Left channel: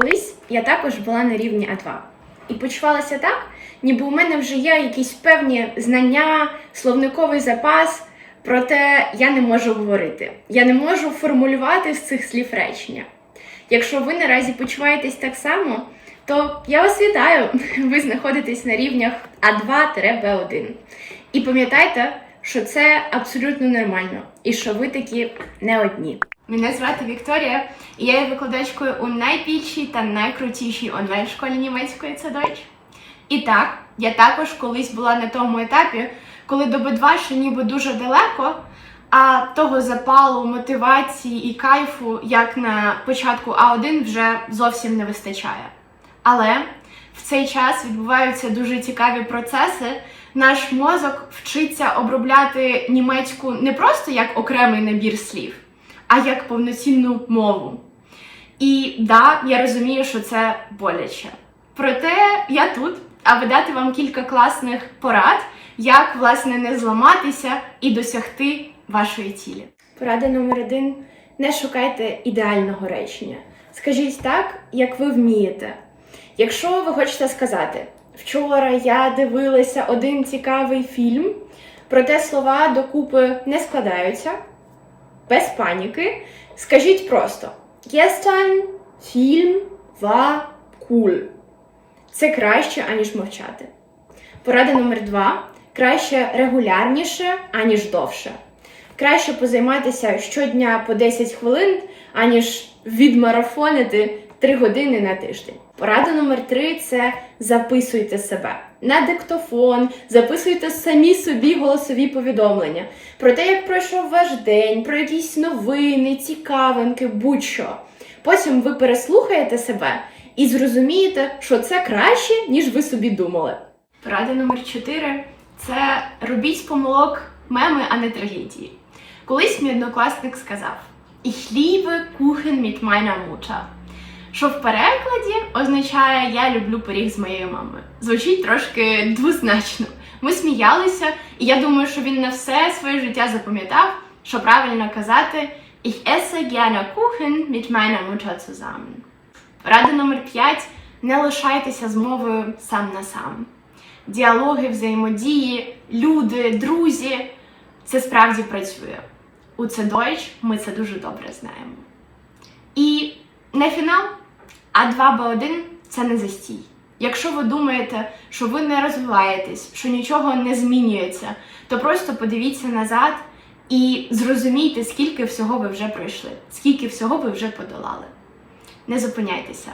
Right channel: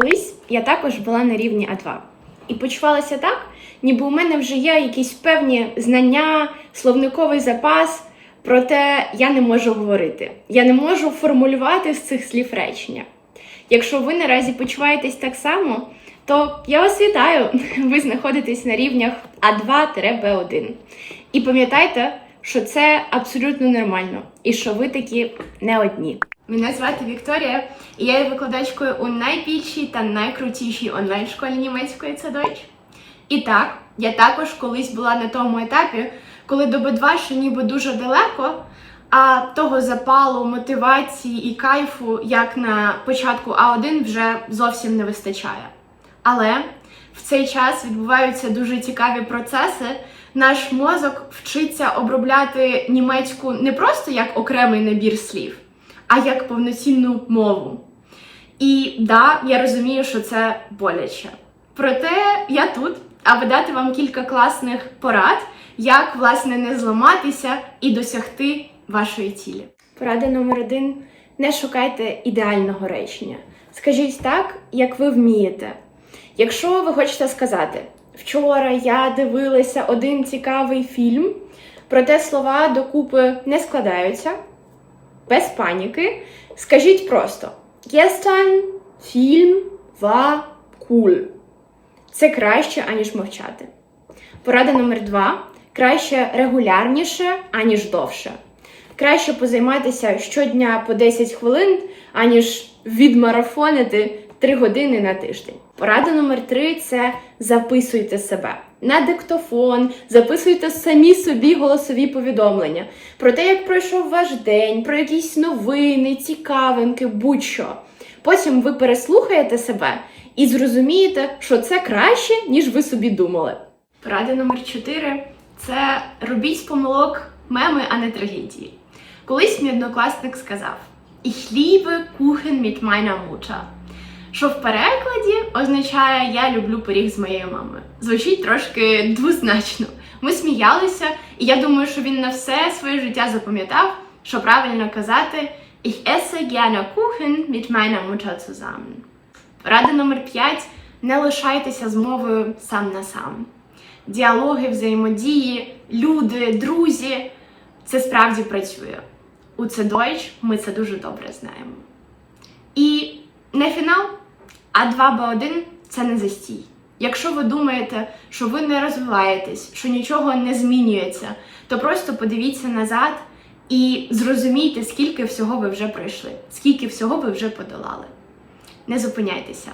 Колись я також була на рівні А2 і почувалася так, ніби у мене вже є якісь певні знання, словниковий запас, проте я не можу говорити. Я не можу формулювати з цих слів речення. Якщо ви наразі почуваєтесь так само, то я вас вітаю! Ви знаходитесь на рівнях А2-Б1. І пам'ятайте, що це абсолютно нормально, і що ви такі не одні. Мене звати Вікторія, і я є викладачкою у найбільшій та найкрутішій онлайн-школі німецької це Deutsch. І так, я також колись була на тому етапі, коли до Б2 ще ніби дуже далеко, а того запалу, мотивації і кайфу, як на початку А1, вже зовсім не вистачає. Але в цей час відбуваються дуже цікаві процеси. Наш мозок вчиться обробляти німецьку не просто як окремий набір слів, а як повноцінну мову. І да, я розумію, що це боляче. Проте я тут, аби дати вам кілька класних порад, як власне не зламатися і досягти вашої цілі. Порада номер один: не шукайте ідеального речення. Скажіть так, як ви вмієте. Якщо ви хочете сказати, вчора я дивилася один цікавий фільм, проте слова докупи не складаються, без паніки, скажіть просто: Gestern Film war cool. Це краще, аніж мовчати. Порада номер два: краще регулярніше, аніж довше. Краще позайматися щодня по 10 хвилин, аніж відмарафонити 3 години на тиждень. Порада номер три це записуйте себе на диктофон, записуйте самі собі голосові повідомлення про те, як пройшов ваш день, про якісь новини, цікавинки, будь-що. Потім ви переслухаєте себе і зрозумієте, що це краще, ніж ви собі думали. Порада номер 4 це робіть помилок меми, а не трагедії. Колись мій однокласник сказав: Ich liebe Kuchen mit meiner Mutter. Що в перекладі означає Я люблю пиріг з моєю мамою. Звучить трошки двозначно. Ми сміялися, і я думаю, що він на все своє життя запам'ятав, що правильно казати Ich esse gerne Kuchen mit meiner Mutter zusammen. Рада номер 5. Не лишайтеся з мовою сам на сам. Діалоги, взаємодії, люди, друзі це справді працює. У це Deutsch ми це дуже добре знаємо. І на фінал А2Б1 це не застій. Якщо ви думаєте, що ви не розвиваєтесь, що нічого не змінюється, то просто подивіться назад і зрозумійте, скільки всього ви вже пройшли, скільки всього ви вже подолали. Не зупиняйтеся.